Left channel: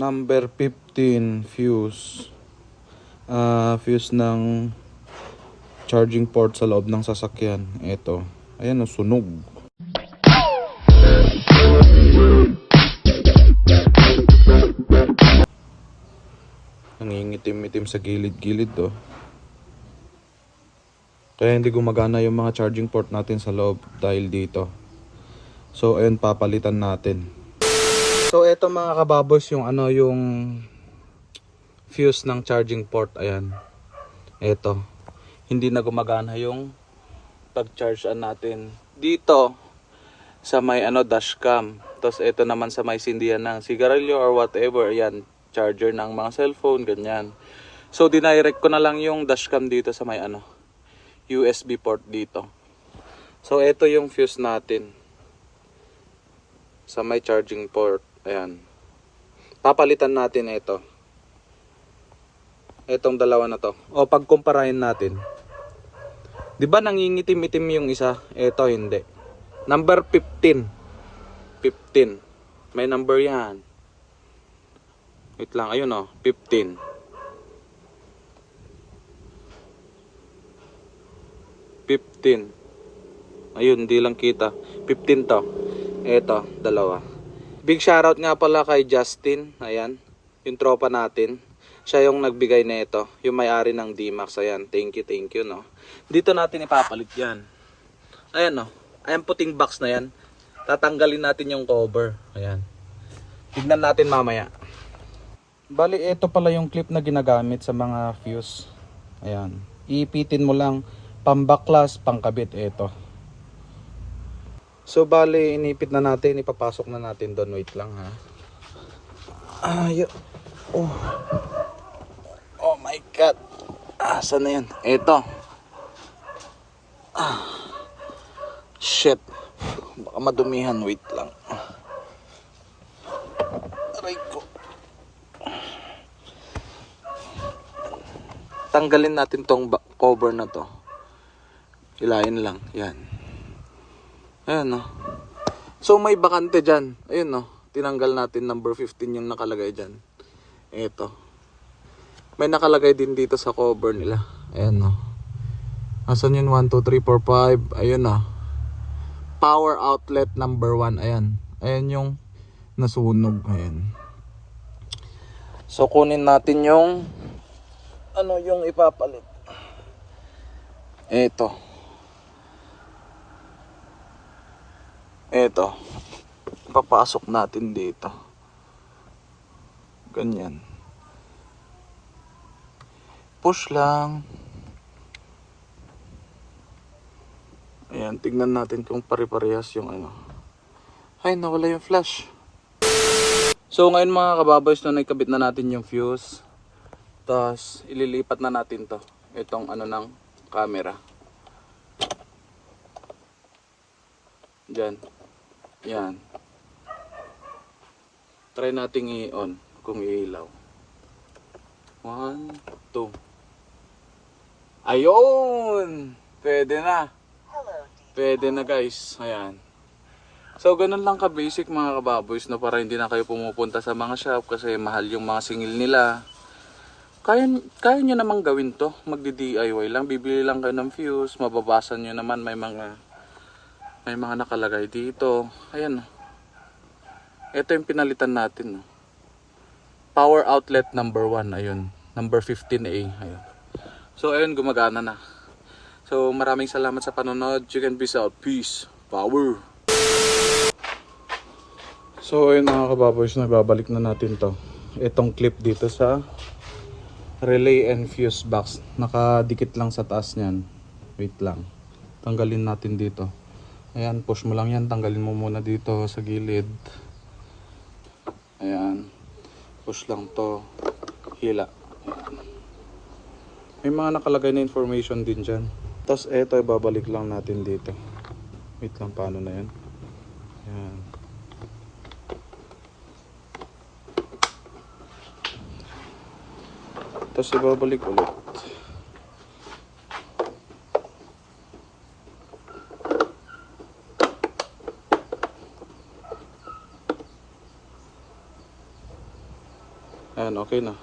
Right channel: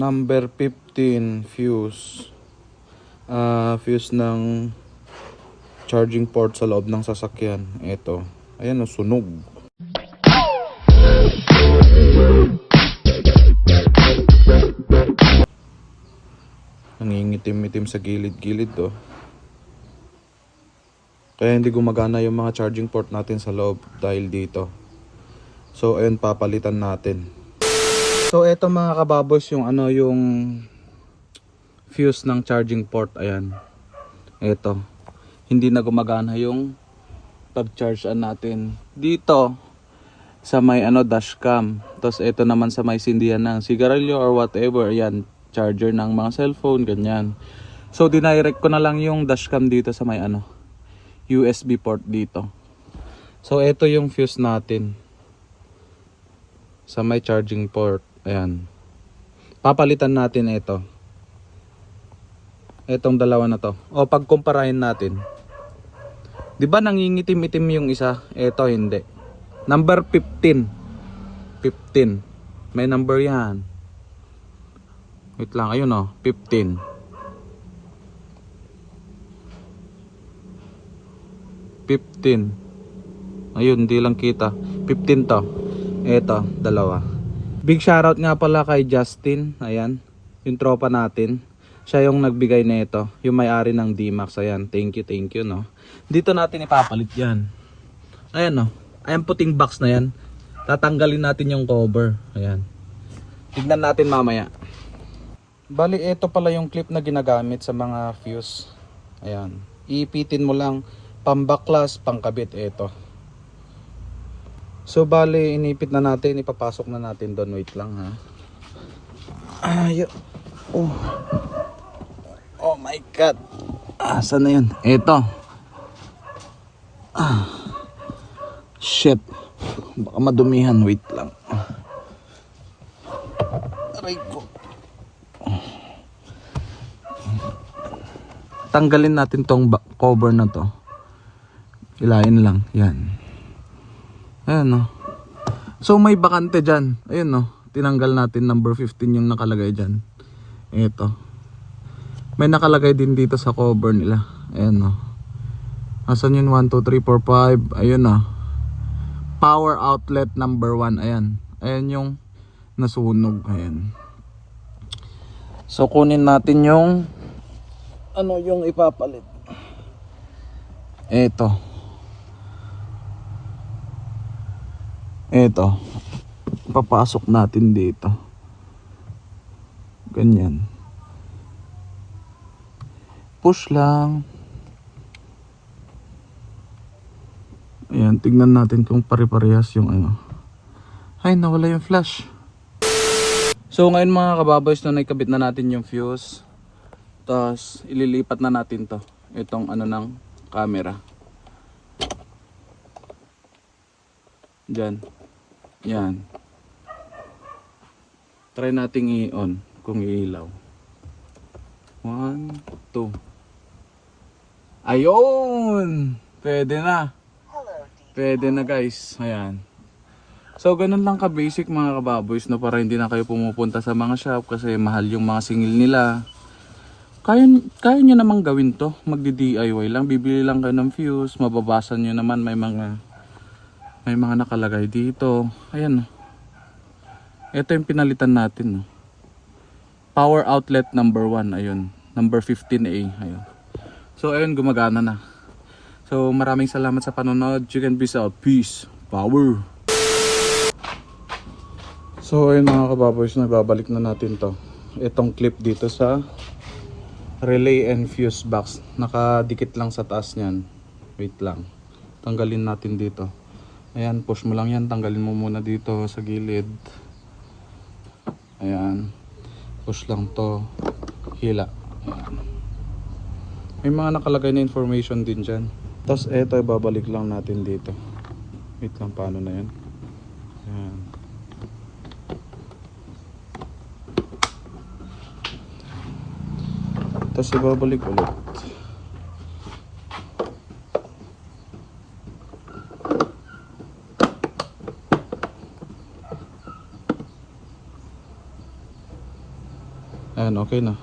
Number 15 fuse. Fuse ng charging port sa loob ng sasakyan. Ito. Ayan o, sunog. Nangingitim-itim sa gilid-gilid oh. Kaya hindi gumagana yung mga charging port natin sa loob dahil dito. So ayun, papalitan natin. So ito mga kababos yung yung fuse ng charging port. Ayan. Ito. Hindi na gumagana yung pag-charge natin dito sa may dashcam. Tapos ito naman sa may sindihan ng sigarilyo or whatever. Ayan, charger ng mga cellphone, ganyan. So dinirect ko na lang yung dashcam dito sa may USB port dito. So ito yung fuse natin sa may charging port. Ayan. Papalitan natin ito. Itong dalawa na to. O pagkumparahin natin. 'Di ba nangingitim-itim yung isa? Ito hindi. Number 15. 15. May number 'yan. Wait lang, ayun 15. 15. Ayun, hindi lang kita. 15 to. Ito, dalawa. Big shoutout nga pala kay Justin. Ayan, yung tropa natin. Siya yung nagbigay na ito. Yung may-ari ng D-Max. Ayan, thank you no. Dito natin ipapalit yan. Ayan no. Ayan puting box na yan. Tatanggalin natin yung cover. Ayan. Tignan natin mamaya. Bali, ito pala yung clip na ginagamit sa mga fuse. Ayan. Iipitin mo lang. Pambaklas, pangkabit, ito. So bali, inipit na natin, ipapasok na natin doon. Wait lang ha. Oh my god. Saan na yun? Ito. Shit. Baka madumihan, wait lang. Aray ko. Tanggalin natin tong cover na to. Yan lang, yan. Ayan o. So may bakante dyan. Ayan o. Tinanggal natin number 15 yung nakalagay dyan. Ito. May nakalagay din dito sa cover nila. Ayan o. Nasaan yun? 1, 2, 3, 4, 5. Ayan o. Power outlet number 1. Ayan. Ayan yung nasunog. Ayan. So kunin natin yung yung ipapalit. Ito. Ito, papasok natin dito. Ganyan. Push lang. Ayan, tignan natin kung pare-parehas yung Ay, nawala yung flash. So ngayon mga kababays, na nakabit na natin yung fuse. Tapos ililipat na natin to. Itong ng camera. Diyan. Yan. Try nating i-on kung iilaw. 1, 2. Ayun! Pwede na. Pwede na guys. Ayan. So ganun lang ka-basic mga kababoys, no, para hindi na kayo pumupunta sa mga shop kasi mahal yung mga singil nila. Kaya nyo namang gawin to. Magdi-DIY lang. Bibili lang kayo ng fuse. Mababasa nyo naman may mga nakalagay dito. Ayan. Ito yung pinalitan natin. Power outlet number 1. Ayun. Number 15A. Ayan. So ayun, gumagana na. So maraming salamat sa panonood. Chicken Peace out. Peace. Power. So ayun mga kababers, nababalik na natin to. Itong clip dito sa relay and fuse box. Nakadikit lang sa taas niyan. Wait lang. Tanggalin natin dito. Ayan, push mo lang yan. Tanggalin mo muna dito sa gilid. Ayan. Push lang to. Hila. May mga nakalagay na information din dyan. Tapos eto, ibabalik lang natin dito. Wait lang, paano na yun. Ayan. Tapos ibabalik ulit. Ayan, okay na.